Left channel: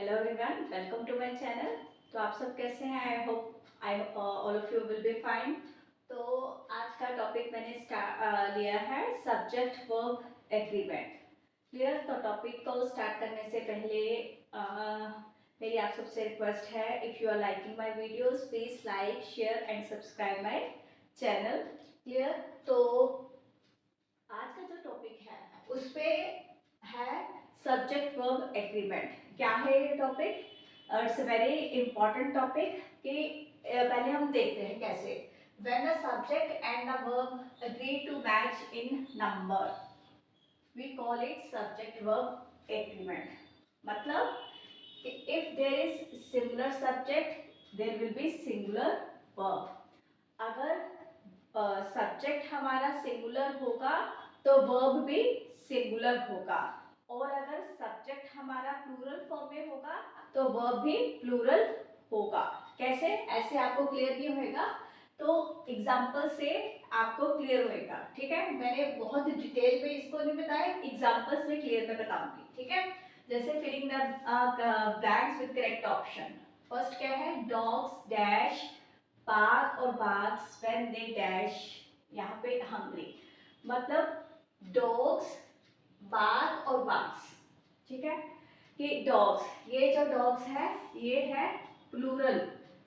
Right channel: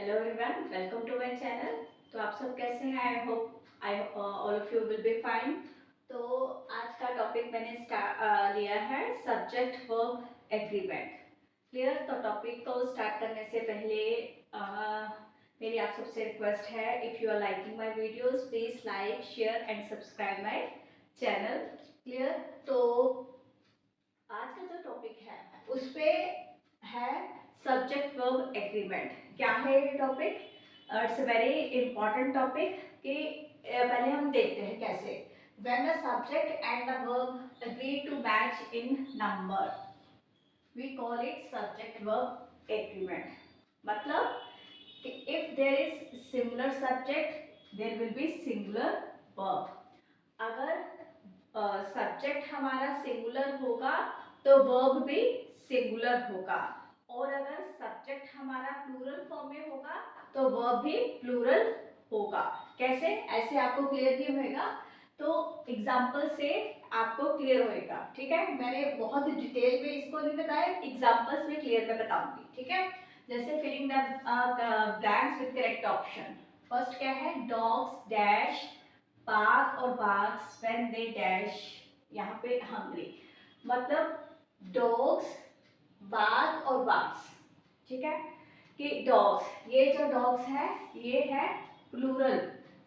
Hello everyone, welcome to my channel. तो आप सब कैसे हैं? I hope all of you will be fine. तो आज का टॉपिक मैंने लिया है सब्जेक्ट वर्ब एग्रीमेंट। क्लियर? तो टॉपिक को स्टार्ट करने से पहले मेरी आप सबसे रिक्वेस्ट है, if you are liking my videos please like share and subscribe my channel. Clear? तो आज का जो टॉपिक है उस पे है सब्जेक्ट वर्ब एग्रीमेंट। क्या है ये topic? It's a very important topic कि पहले हम देखते हैं कैसे। When the subject and the verb agree to match in number we call it subject verb agreement. मतलब कि if there is singular subject there will be singular verb. अगर subject हमारा सिंगुलर होगा तो वर्ब भी सिंगुलर होगा, और अगर सब्जेक्ट हमारा प्लूरल फॉर्म में होगा तो वर्ब भी प्लूरल होगा। कैसे? ऐसे आपको क्लियर नहीं होएगा तो एग्जाम्पल से आपको क्लियर होएगा। ठीक है, मैंने बहुत डिटेल में इसको नहीं बताया, एग्जाम्पल्स में क्लियर में बताऊंगी। ठीक है, जैसे filling the blanks with correct option. First क्या है? डॉग्स डैश बाघ और बाघ्स व्हेन दे डैश, यहाँ पे हंग्री। मतलब डॉग्स, बाघ और बाघ्स। ठीक है, कि डॉग्स, ये जो डॉग्स है ये है प्लूरल,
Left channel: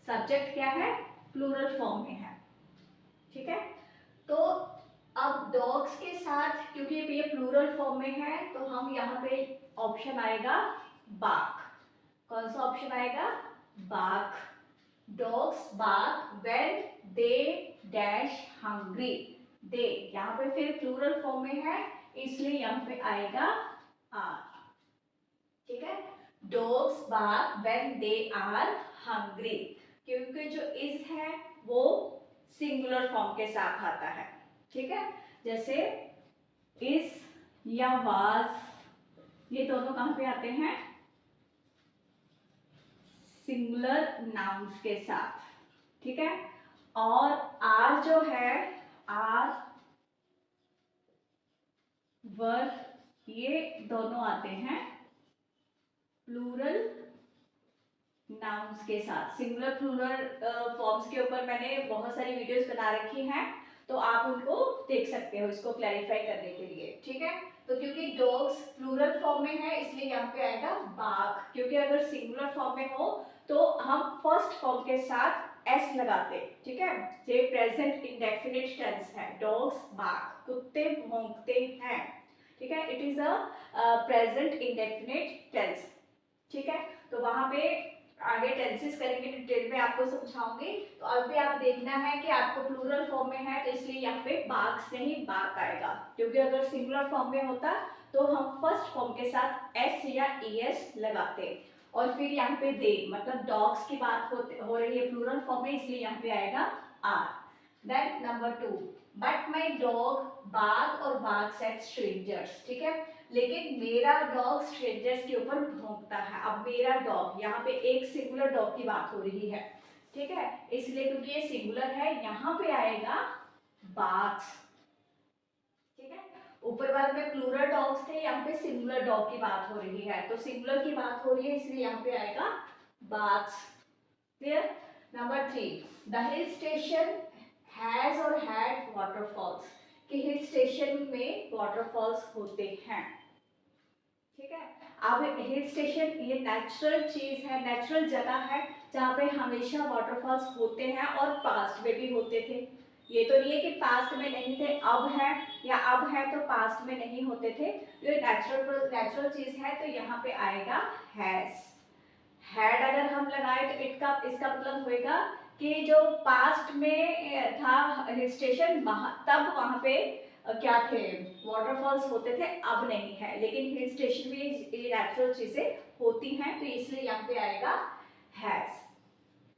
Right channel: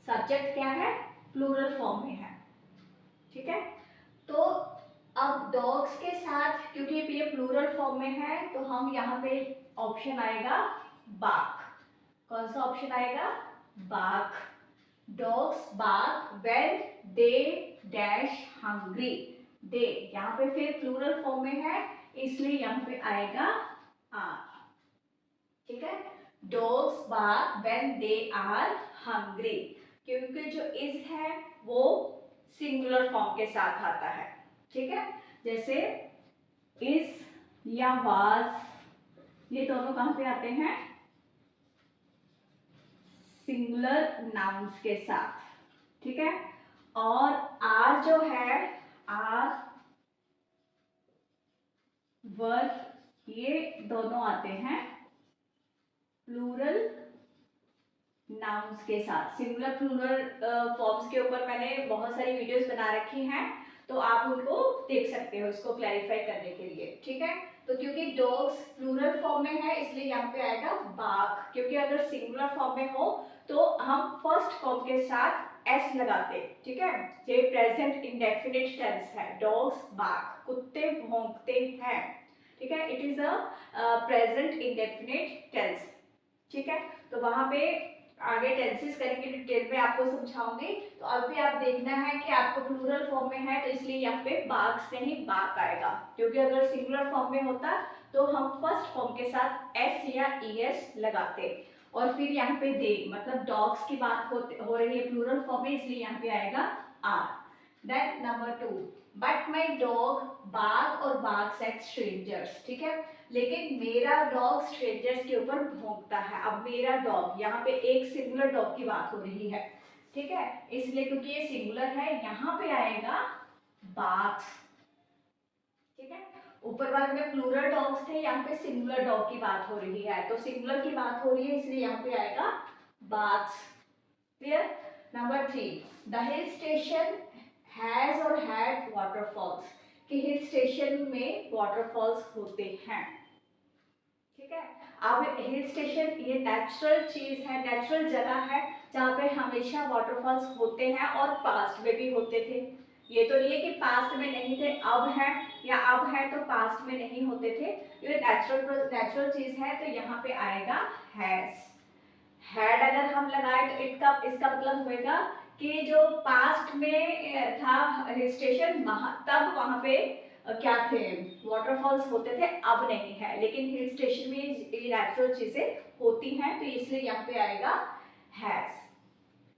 सब्जेक्ट क्या है? प्लूरल फॉर्म में है। ठीक है, तो अब डॉग्स के साथ क्योंकि ये प्लूरल फॉर्म में है तो हम यहाँ पे ऑप्शन आएगा बाघ। कौन सा ऑप्शन आएगा? बाघ। Dogs bark when they dash hungry. They यहाँ पे फिर प्लूरल फॉर्म में है इसलिए यहाँ पे आएगा आर। ठीक है, dogs bark when they are hungry, क्योंकि जो इज है वो सिंगुलर फॉर्म के साथ आता है। ठीक है, जैसे इज या वाज ये दोनों कहाँ पे आते हैं? सिंगुलर नाउन्स के साथ। ठीक है, और आर जो है, आर वर्ब ये दोनों आते हैं प्लूरल नाउन्स के साथ। सिंगुलर प्लूरल फॉर्म्स के ऊपर मैंने बहुत सारी वीडियोस बना रखी हैं, तो आप उनको देख सकते हो इसको क्लैरिफाई करने के लिए। ठीक है, तो क्योंकि डॉग्स प्लूरल फॉर्म में है इसलिए यहाँ पे आएगा बाघ, क्योंकि अगर सिंगुलर फॉर्म में हो तो हम फर्स्ट फॉर्म के साथ एस लगाते। ठीक है, ये प्रेजेंट इंडेफिनिट टेंस है। डॉग्स बाघ, कुत्ते भौंकते हैं। ठीक है, it is a present indefinite tense. ठीक है, तो वहां पे आगे टेंसेस करेंगे, डिटेल में आपको समझाऊंगी। तो अभी आप देखना है कि आपको प्लूरल फॉर्म में है तो इसलिए यहाँ पे बाघ से ही बाघ आएगा, क्योंकि अगर सिंगुलर फॉर्म में होता तो हम फर्स्ट फॉर्म के साथ एस या ईएस लगाते, और फिर यहाँ पे दे मतलब डॉग्स की बात हो रही है प्लूरल फॉर्म में इसलिए यहाँ पे आएगा are. Then number 2, but my dog bark और बाघ सेट स्ट्रेंजर्स। ठीक है, लेकिन मेरा डॉग स्ट्रेंजर्स के ऊपर भौंकता है। अब मेरा डॉग, यहाँ पे एक सिंगुलर डॉग की बात हो रही है। ठीक है, इसलिए क्योंकि ये सिंगुलर है यहाँ पे आएगा बाघ। ठीक है, ऊपर वाले में प्लूरल डॉग्स थे, यहाँ पे सिंगुलर डॉग की बात हो रही है, तो सिंगुलर की बात हो रही है इसलिए यहाँ पे आएगा बाघ। Clear? Number 3, the hill station has और हैड वाटरफॉल्स, कि हिल स्टेशन में वाटरफॉल्स होते हैं। ठीक है, अब हिल स्टेशन ये नेचुरल चीज है, नेचुरल जगह है जहाँ पे हमेशा वाटरफॉल्स होते हैं और पास्ट में भी होते थे। ये तो नहीं है कि पास्ट में नहीं थे अब है, या अब है तो पास्ट में नहीं होते थे। ये नेचुरल चीज है तो यहाँ पे आएगा हैज। हैड अगर हम लगाए तो इसका मतलब होएगा कि जो पास्ट में था हिल स्टेशन तब वहां पे क्या थे? वाटरफॉल्स होते थे, अब नहीं है। लेकिन हिल स्टेशन में ये नेचुरल चीजें होती हैं तो इसलिए यहाँ पे आएगा हैज।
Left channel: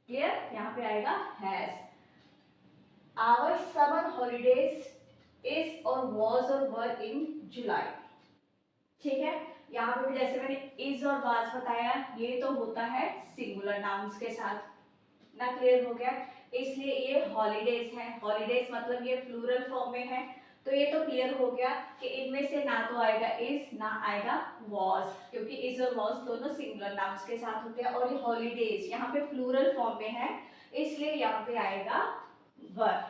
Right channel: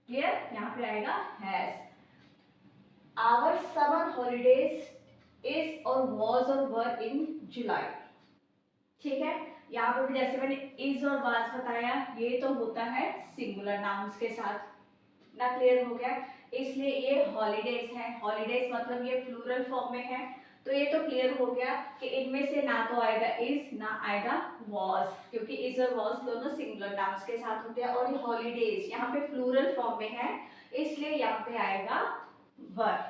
क्लियर? यहाँ पे आएगा has. Our summer holidays is और वॉज और वर इन जुलाई। ठीक है, यहाँ पे भी जैसे मैंने इज और वाज बताया ये तो होता है सिंगुलर नाउन्स के साथ ना। क्लियर हो गया? इसलिए ये हॉलीडेज है। हॉलीडेज मतलब ये प्लूरल फॉर्म में है तो ये तो क्लियर हो गया कि इनमें से ना तो आएगा इज ना आएगा वॉज, क्योंकि इज और वॉज दोनों सिंगुलर नाउन्स के साथ होते हैं। और ये हॉलीडेज यहाँ पे प्लूरल फॉर्म में है, इसलिए यहाँ पे आएगा वर।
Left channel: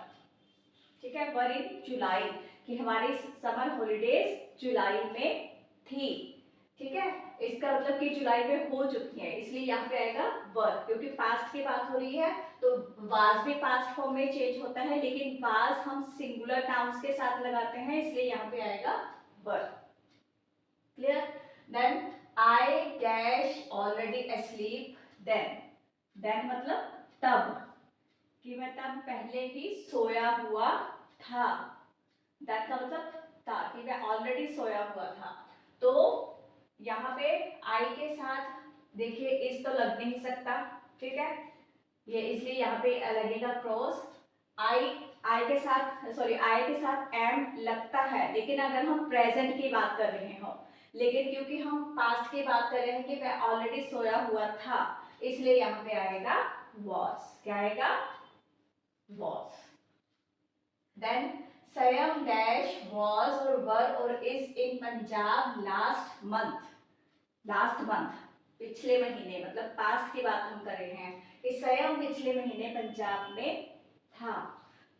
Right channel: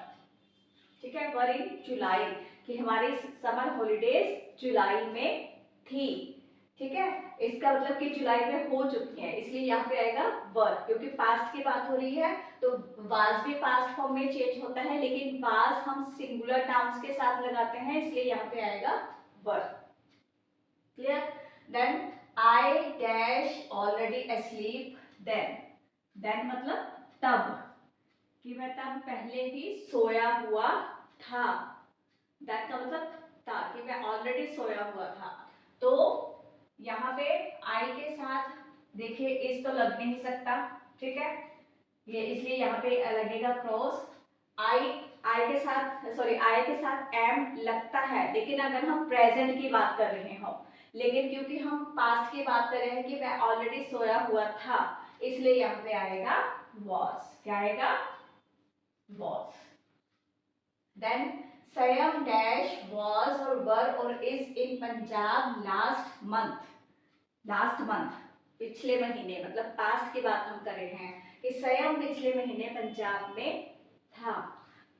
ठीक है, वर इन जुलाई, कि हमारी समर हॉलीडेज जुलाई में थी। ठीक है, इसका मतलब कि जुलाई में हो चुकी है, इसलिए यहाँ पे आएगा वर, क्योंकि पास्ट की बात हो रही है तो वाज भी पास्ट फॉर्म में चेंज होता है, लेकिन वाज हम सिंगुलर नाउन्स के साथ लगाते हैं, इसलिए यहाँ पे आएगा were. Clear? Then I dash already asleep then, then मतलब तब, कि मैं तब पहले ही सोया हुआ था। दैट का मतलब था कि मैं ऑलरेडी सोया हुआ था। तो यहाँ पे आई के साथ देखिए इस तो लग नहीं सकता, ठीक है, ये इसलिए यहाँ पे लगेगा क्रॉस। आई, आई के साथ सॉरी आई के साथ एम लगता है, लेकिन अगर हम प्रेजेंट की बात कर रहे हो, लेकिन क्योंकि हम पास्ट की बात कर रहे हैं कि मैं ऑलरेडी सोया हुआ था, इसलिए यहाँ पे आएगा वॉज। क्या आएगा? वॉज। देन सयम डैश वॉज और वर और is in Punjab last month. Last month पिछले महीने, मतलब पास्ट की बात हम कर रहे हैं कि सयम पिछले महीने पंजाब में था।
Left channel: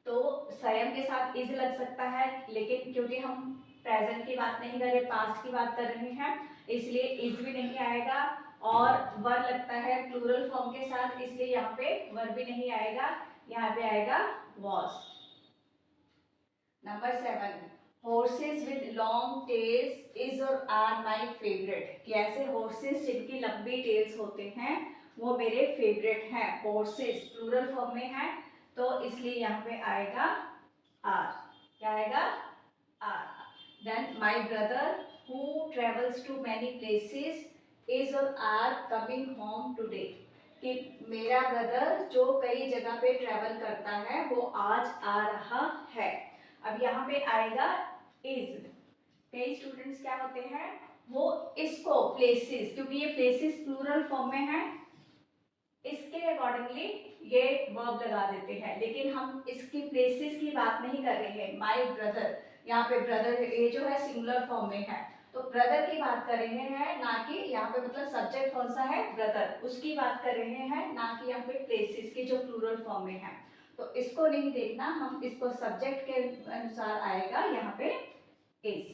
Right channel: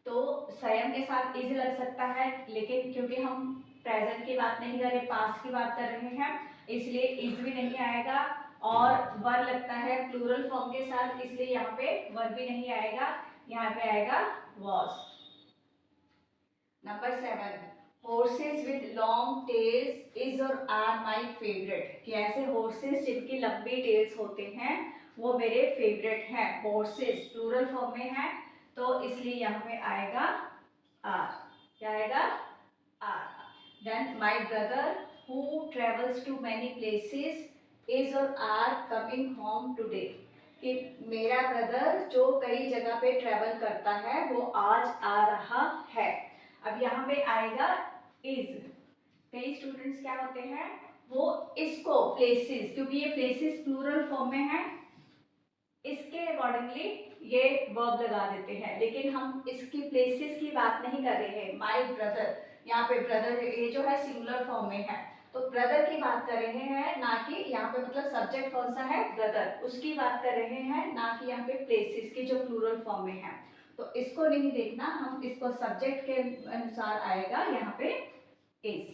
तो सयम के साथ इज लग सकता है, लेकिन क्योंकि हम प्रेजेंट की बात नहीं कर रहे, पास्ट की बात कर रहे हैं, इसलिए इज भी नहीं आएगा। और वर लगता है प्लूरल फॉर्म के साथ, इसलिए यहाँ पे वर भी नहीं आएगा, यहाँ पे आएगा was. Number 7, horses with long tails is और are my favorite, कि ऐसे horses जिनकी लंबी टेल्स होते हैं वो मेरे फेवरेट हैं। horses प्लूरल फॉर्म में है, तो इसलिए यहाँ पे आएगा आर। क्या आएगा? Are. Then my brother who travels to many places is और आर कमिंग होम टुडे, कि मेरा ब्रदर जो कई जगह पे ट्रेवल करता है वो आज आ रहा है। अब यहाँ पे आएगा इज। कई स्टूडेंट्स क्या होते हैं, वो इसको प्लेसेस, क्योंकि ये प्लेसेस प्लूरल फॉर्म में है, इसके अकॉर्डिंगली ये वर्ब लगा देते हैं, लेकिन हम इसकी प्लेसेस की बात नहीं कर रहे हैं। माय ब्रदर, यहाँ पे ब्रदर ये जो है सिंगुलर फॉर्म में है, तो ब्रदर की बात कर रहे हैं, ना कि यहाँ पे मतलब सब्जेक्ट कौन सा है, ब्रदर, उसकी बात कर रहे हैं, ना कि यहाँ पे प्लेसेस की जो प्लूरल फॉर्म में है। तो इसको नहीं देखना, हम इसको सब्जेक्ट के अनुसार आएगा यहाँ पे इज।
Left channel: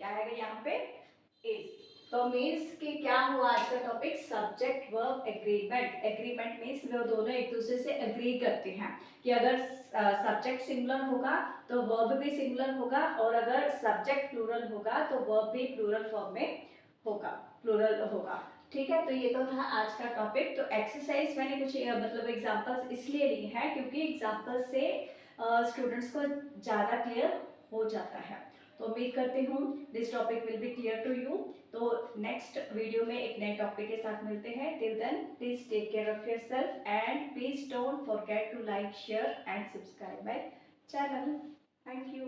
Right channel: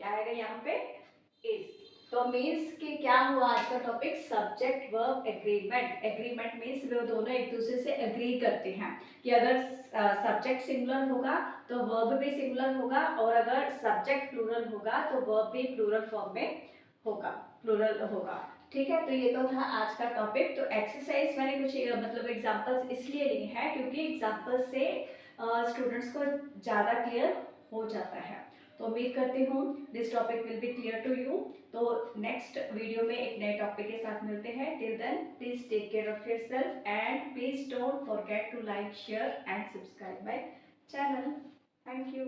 क्या आएगा यहाँ पे? इज। तो मीन्स कि क्या हुआ आज का topic, subject verb agreement. Agreement means वो दोनों एक दूसरे से एग्री करते हैं कि अगर सब्जेक्ट सिंगुलर होगा तो वर्ब भी सिंगुलर होगा, और अगर सब्जेक्ट प्लूरल होगा तो वर्ब भी प्लूरल फॉर्म में होगा, प्लूरल होगा। ठीक है, तो ये तो था आज का टॉपिक। तो एक्सरसाइज मैंने कुछ मतलब एग्जांपल्स इसलिए लिए हैं क्योंकि एग्जांपल से स्टूडेंट्स को ज़्यादा क्लियर हो जाता है। तो उम्मीद करती हूँ this topic will be clear to you. तो नेक्स्ट वीडियो में एक नए टॉपिक के साथ मिलते हैं। Till then please take care of yourself and please don't forget to like, share and subscribe my channel. Thank you.